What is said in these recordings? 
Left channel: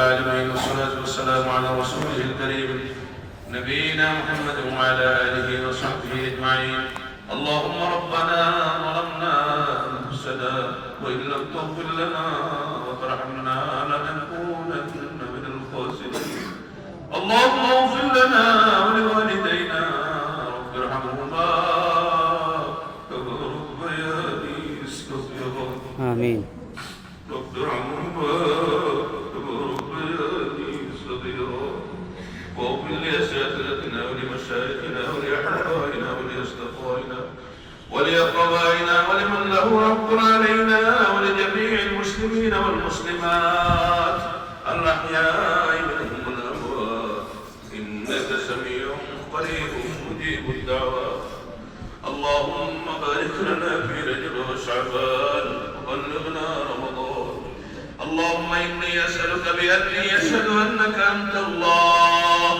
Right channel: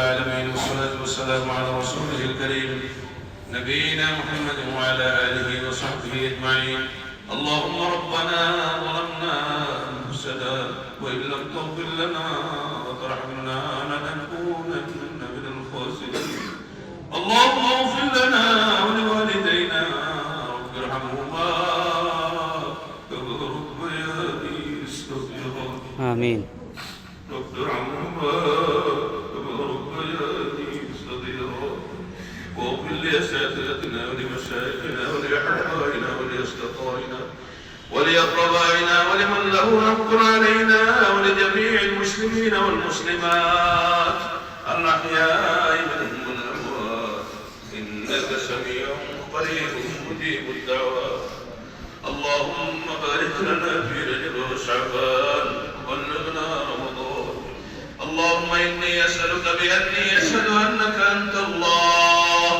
العالمين، والصلاة والسلام على رسوله الكريم نبينا محمد وعلى آله وصحبه أجمعين. اللهم ربنا ظلمنا أنفسنا وإن لم تغفر لنا وترحمنا لنكونن من الخاسرين. اللهم اغفر لنا ولوالدينا رب ارحمهما كما ربياني صغيرا. آمين. رب ارحمهما كما ربياني صغيرا. واغفر لأساتذتنا ولمشايخنا ولأحبائنا ولأصدقائنا ولأقربائنا ولمن له حق علينا ولجميع المسلمين والمسلمات الأحياء منهم والأموات إنك سميع قريب مجيب الدعوات. اللهم بارك لنا في رجب وشعبان وبلغنا رمضان. اللهم إني أسألك بأني أشهد أنك أنت الله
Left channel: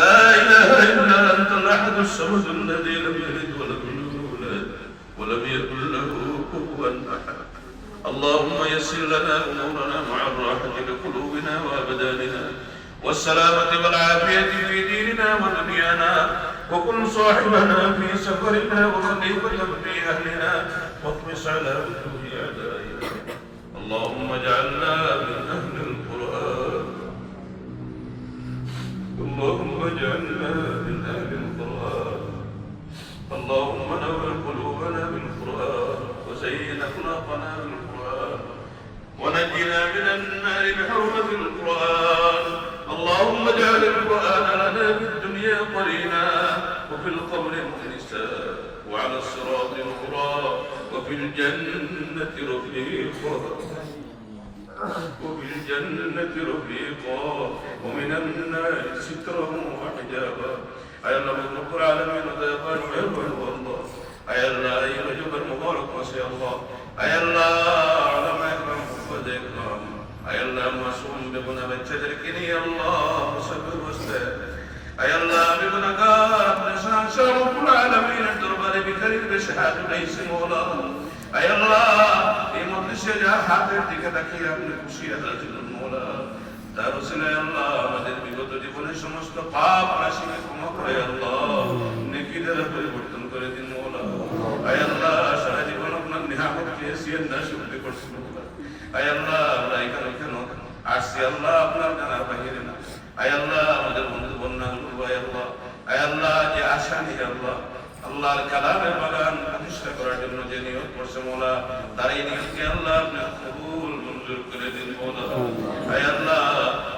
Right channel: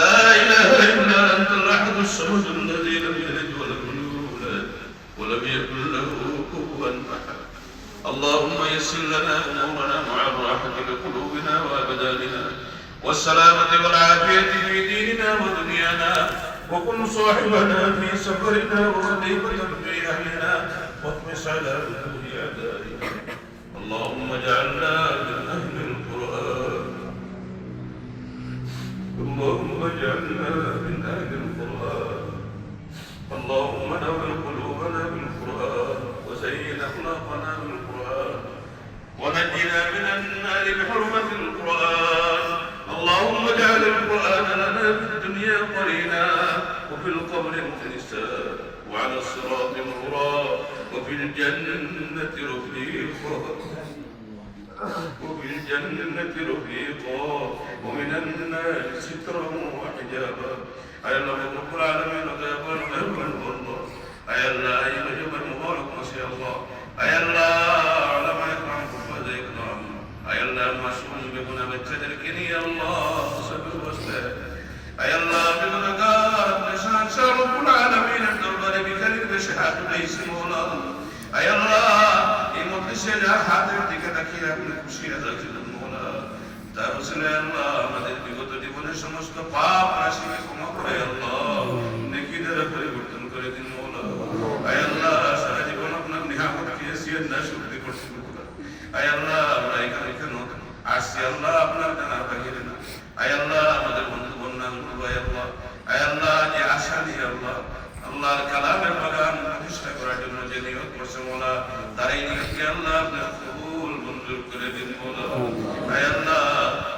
لا إله إلا أنت الأحد الصمد الذي لم يلد ولم يولد ولم يكن له كفوا أحد. اللهم يسر لنا أمورنا مع الراحة لقلوبنا وأبداننا والسلامة والعافية في ديننا ودنيانا، وكن صاحبنا في سفرنا وخليفة في أهلنا واطمس على وجوه أعدائنا. اللهم اجعلنا من أهل القرآن. اللهم اجعلنا من أهل القرآن. اللهم نور قلوبنا بالقرآن وزين أخلاقنا بالقرآن ونجنا من النار بحرمة القرآن. اللهم اجعل القرآن لنا في الدنيا قرينا وفي القبر مؤنسا وعلى الصراط نورا وفي الجنة رفيقا وفي الجنة رفيقا ومن النار سترا وحجابا. أي الله رب العالمين وتقبل مهربان والله. أي الله أي جبر مبارك ما شاء الله. أي الله على ما يكرم وذكرا. أي الله معصوم بنا بتدركني يا الله صبر واستهد. أي الله بنا قارب نشان شر رب العالمين الدربان بكريم بشهادة ليس مولا. أي الله إمام الشجاع حاضر تكتكي من كشية المولى. তারপরে আল্লাহ আমাদের বিগত জীবনের সমস্ত পাপ রাশি ক্ষমা করে আল্লাহ নেকিদের পরিবর্তন করে দিন মওলা। আয় আল্লাহ সারা জীবন আপনার নিয়ামত খেয়েছেন না শুকরিয়া করতে মওলা। আয় আল্লাহ আমরা এখানে আসছি আল্লাহ আপনার জানার বাহিরে না। আয় আল্লাহ আমাদের বন্ধু বান্ধব ভাই আল্লাহ, আয় আল্লাহ যে আশা নিয়ে আল্লাহ আল্লাহর কালামের বাগান প্রতিষ্ঠা করার জন্য যে নিয়োগ করছে মওলা, তার এই নিয়োগকে আল্লাহ আপনার কবুল মঞ্জুর করে দিন মওলা। আয় আল্লাহ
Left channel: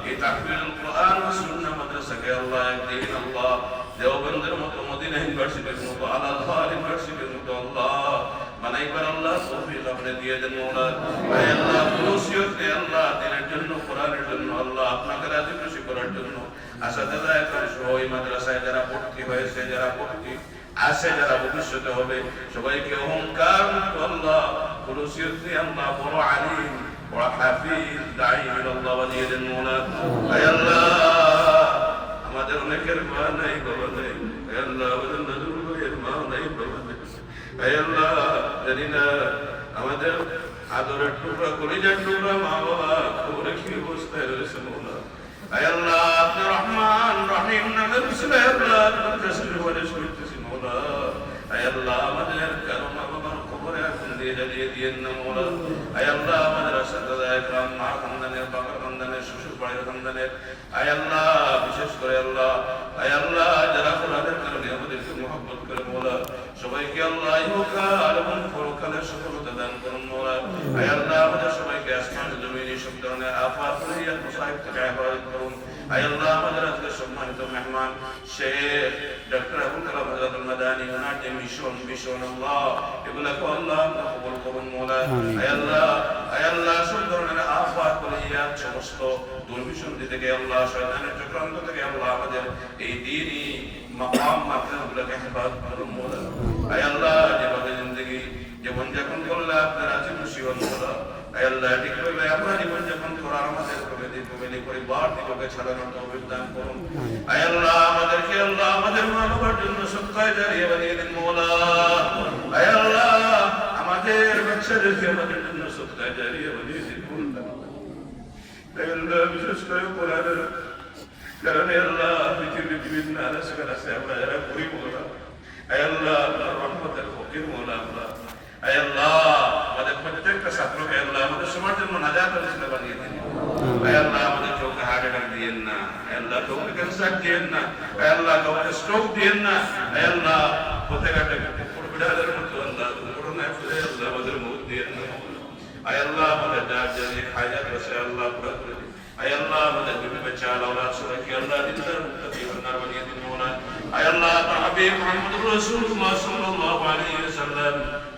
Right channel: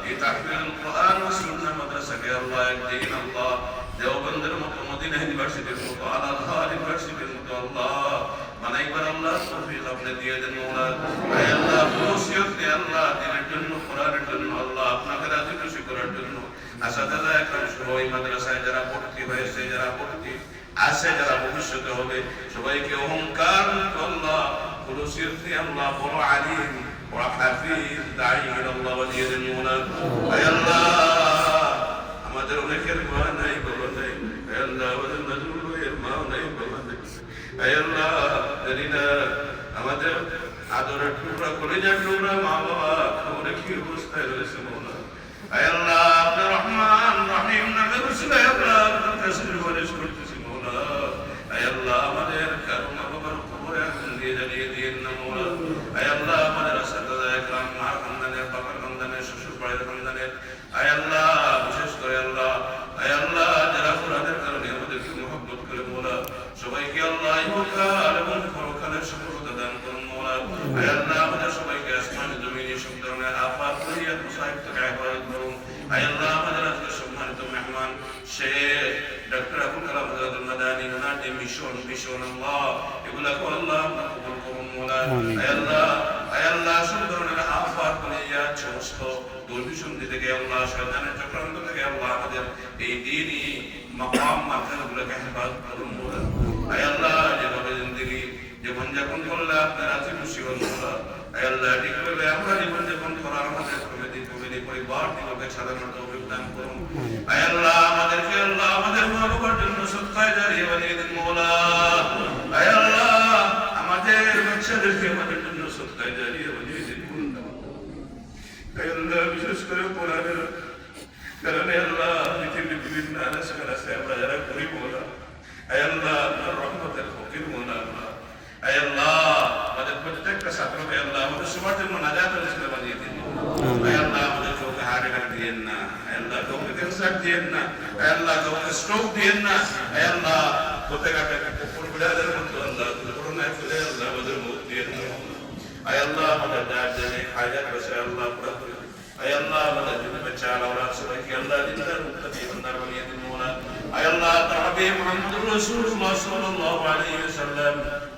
এই তাহফিজুল কোরআন ও সুন্নাহ মাদ্রাসাকে আল্লাহ একদিন আল্লাহ দেওবন্দের মতো মদিনা ইউনিভার্সিটির মতো আল আজহার ইউনিভার্সিটির মতো আল্লাহ বানাইবার আল্লাহ তৌফিক আপনি দিয়ে দেন মওলা। আয় আল্লাহ নসিহতে আল্লাহ দিনের জন্য কোরআনের জন্য আল্লাহ আপনাকে রাজি খুশি করার জন্য আসাদাদা একরাম সহ এই মাদ্রাসায় যারা ভর্তি হয়েছে যারা ভর্তি আছে যারা ভবিষ্যতে হবে সবাইকে অহংকার মুক্ত আল্লাহ নসিহতে আল্লাহ বড় আলিম বড় হাফিজ দাঈ আল্লাহ বানিয়ে দেন মওলা। আয় আল্লাহ আমাদের অনেকের মা নাই বাবা নাই। আয় আল্লাহ আমাদের নজরুল ভাইয়ের মা নাই বাবা নাই। আয় আল্লাহ জানি না আমাদের আদরের টুকরা কলিজার টুকরা মা বাবা খবরে কি অবস্থায় রয়েছে মওলা। আয় আল্লাহ আপনি রহমান রহিম নামের উসিলায় আল্লাহ আপনার কাছে সুপারিশ করতেছি মওলা। আয় আল্লাহ আমাদের কারো মা বাবার খবরে আগুন দিয়ে জ্বালিয়ে দিয়েন না মওলা। আয় আল্লাহ আমাদের আসাদাদা একরাম মা খানদানের বাবা খানদানের শ্বশুর বাড়ির খানদানের আয় আল্লাহ বিশেষ করে আল্লাহ আয় আল্লাহ যারা কোরআনের কারণে আমাদেরকে মহব্বত করে মওলা সবাইকে আল্লাহ ইহকাল এবং পরকালের সফলতা দান করুন মওলা। আয় আল্লাহ আমাদের সবাইকে আসমান জমিনে সব ধরনের আফাত মুসিবত মুসাইব থেকে হেফাজত করুন। আয় আল্লাহ আমাদের আজকের সম্মানিত মেহমান শেখ ডক্টর আবুল কালাম আজাদুল মাদানী ওনার যে মিশন আল্লাহ এগুলাকে আল্লাহ কবুল করুন মওলা। আয় আল্লাহ সব ধরনের আফাত মুসিবত সমস্ত দুর্বিসন্ধি থেকে আল্লাহ শয়তানের চক্রান্ত থেকে আল্লাহ আমাদের এই দ্বীনি মাকাম মাকামগুলোকে হেফাজত করুন মওলা। আয় আল্লাহ যেভাবে জিন্দেগি জীবনযাপন করলে আপনার রাজি খুশি হন মওলা। আয় আল্লাহ ঠিকভাবে আমরা জীবনযাপন করার আমাদের ফ্যামিলি পরিবার থেকে সাধারণ তৌফিক দান করুন। আয় আল্লাহ আমাদেরকে আল্লাহ আমাদের মা বাবার জন্য সদকায়ে জারিয়া বানিয়ে দিন মওলা। আয় আল্লাহ আমাদের বাচ্চাদেরকে আমাদের জন্য সদকায়ে জারিয়া বানিয়ে দিন। আল্লাহ বিশেষ করে কোরআনের কারণে আল্লাহ পৃথিবীর বিভিন্ন আলোচনা আছে আমরা যারা গরিব মোলা আল্লাহ আল্লাহর রহমতের ফকির মোলা আল্লাহ আল্লাহ আমাদের প্রত্যেকটা ছাত্রকে আল্লাহ আমাদের সবার জন্য নাজাতের রাস্তা বানিয়ে দিন আল্লাহ আমাদের চোখে হার্ট অ্যাটাক দিয়েন না আল্লাহ চোখে ক্যান্সার দিয়েন না আল্লাহ চোখে স্ট্রোক দিয়েন না আল্লাহ প্রত্যেকটা বিড়ালের মতো আল্লাহ করোনায় ফিরে আল্লাহ আমাদের মুখ দিয়েন না আল্লাহ আমাদের যার জানে হাজার বসে আল্লাহ পুরা করে আল্লাহ আমাদের বিবি বাচ্চা আল্লাহ সবাইকে আল্লাহ দিনদার মুত্তাকি বান্দার বানিয়ে দিন মওলা আল্লাহ হাবিব মুহাম্মদুর রাসূলুল্লাহ সাল্লাল্লাহু আলাইহি ওয়াসাল্লাম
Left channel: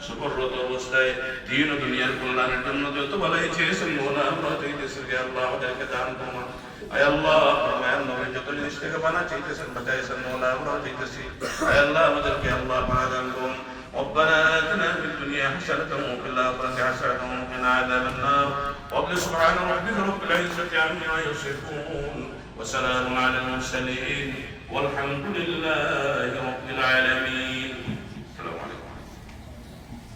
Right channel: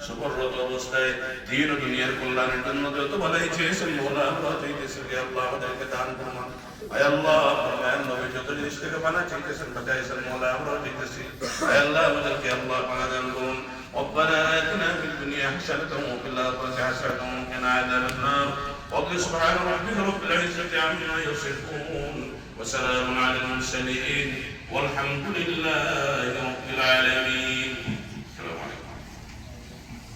সুবরত অবস্থায় দ্বীন ও দুনিয়ার কল্যাণের জন্য যত ভালোই চেয়েছেন মওলা আমরা চাইতেছি যে আল্লাহ আমাদেরকে দান করুন আল্লাহ ফরমান নবী যত জিনিস থেকে বানা চাইতেছেন বাঁচাইছেন মওলা আমরা চাইতেছি আল্লাহ আমাদেরকে আল্লাহ পানা দান করুন ربنا آتنا في الدنيا حسنة وفي الآخرة حسنة وقنا عذاب النار رب سبحان ربك رب العزة عما يصفون وسلام على المرسلين والحمد لله رب العالمين